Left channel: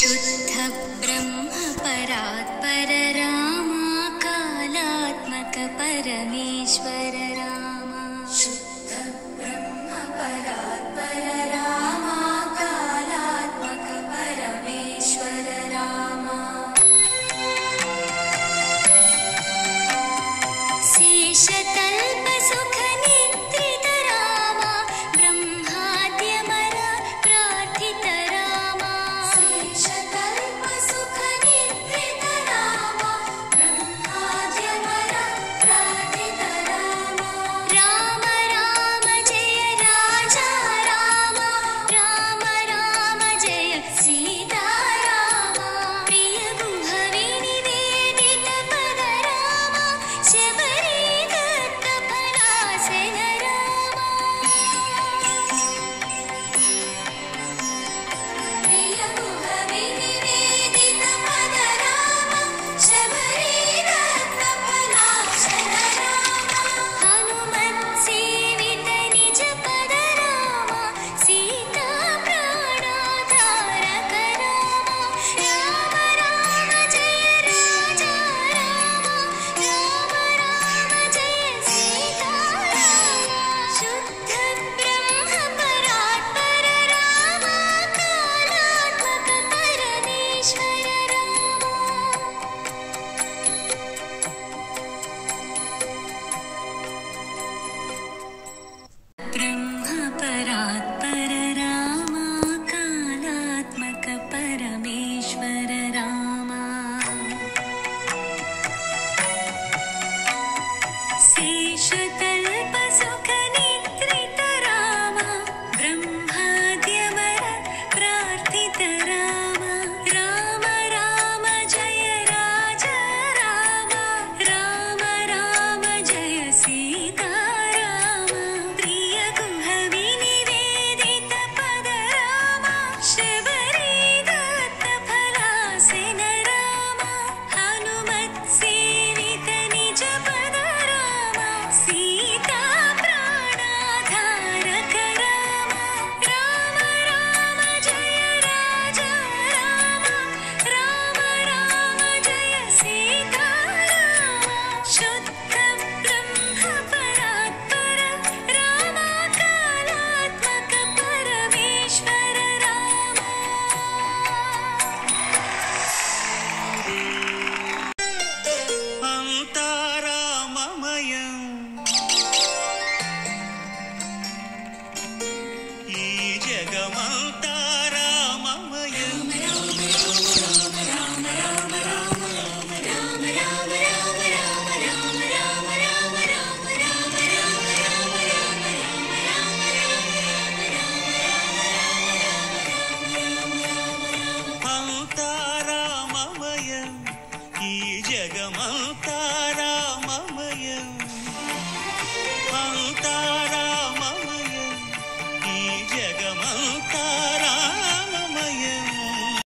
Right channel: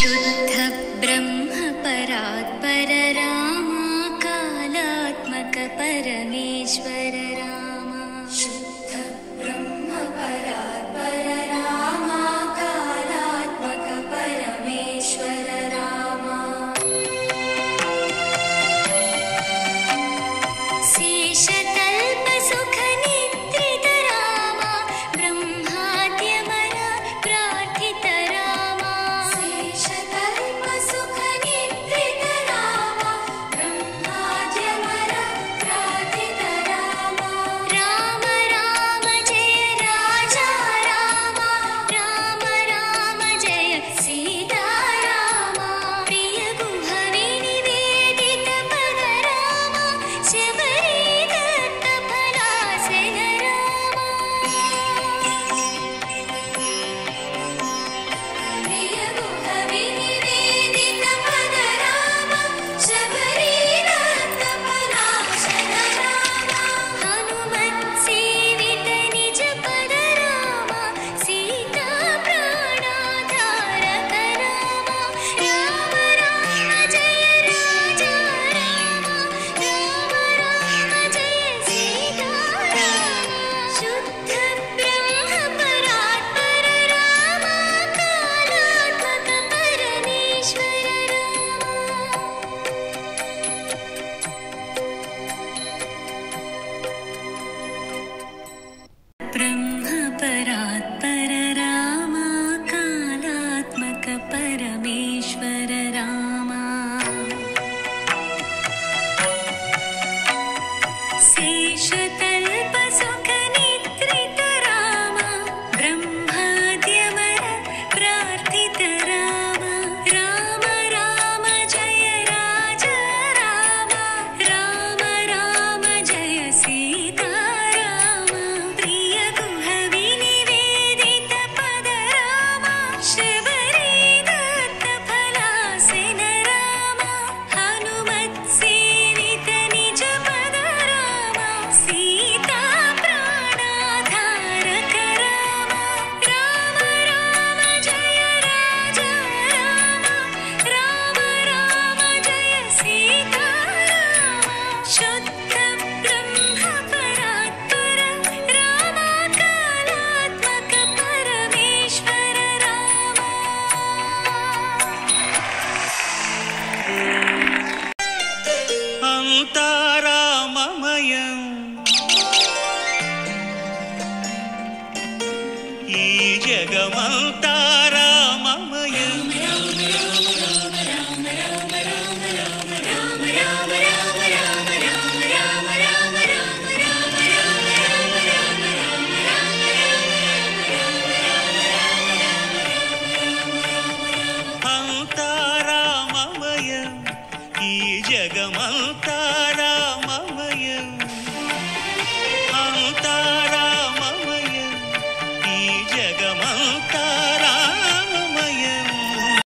शुद्ध ब्रह्म परात्पर राम कालात्मक परमेश्वर राम। शुद्ध ब्रह्म परात्पर राम कालात्मक परमेश्वर राम। शेषतल्प सुख निद्रित राम ब्रह्माद्यमर प्रार्थित राम। शेषतल्प सुख निद्रित राम ब्रह्माद्यमर प्रार्थित राम। राम राम जय राजा राम राम राम जय सीता राम। प्रिय गुह विनिवेदित पद राम शबरी दत्त फलासन राम। प्रिय गुह विनिवेदित पद राम शबरी दत्त फलासन राम। हनुमत् सेवित निज पद राम सीता प्राणाधारक राम। राम राम जय राजा राम राम राम जय सीता राम। शुद्ध ब्रह्म परात्पर राम कालात्मक परमेश्वर राम। ब्रह्म परात्पर राम कालात्मक परमेश्वर राम। शेषतल्प सुख निद्रित राम ब्रह्माद्यमर प्रार्थित राम। राम राम जय राजा राम राम राम जय सीता राम। प्रिय गुह विनिवेदित पद राम शबरी दत्त फलासन राम। हनुमत् सेवित निज पद राम सीता प्राणाधारक राम। राम राम जय राजा राम राम राम जय सीता राम। शुद्ध ब्रह्म परात्पर राम कालात्मक परमेश्वर राम। అంతారామమయం ఈ జగమంతారామమయం అంతారామమయం ఈ జగమంతారామమయం అంతారామమయం ఈ జగమంతారామమయం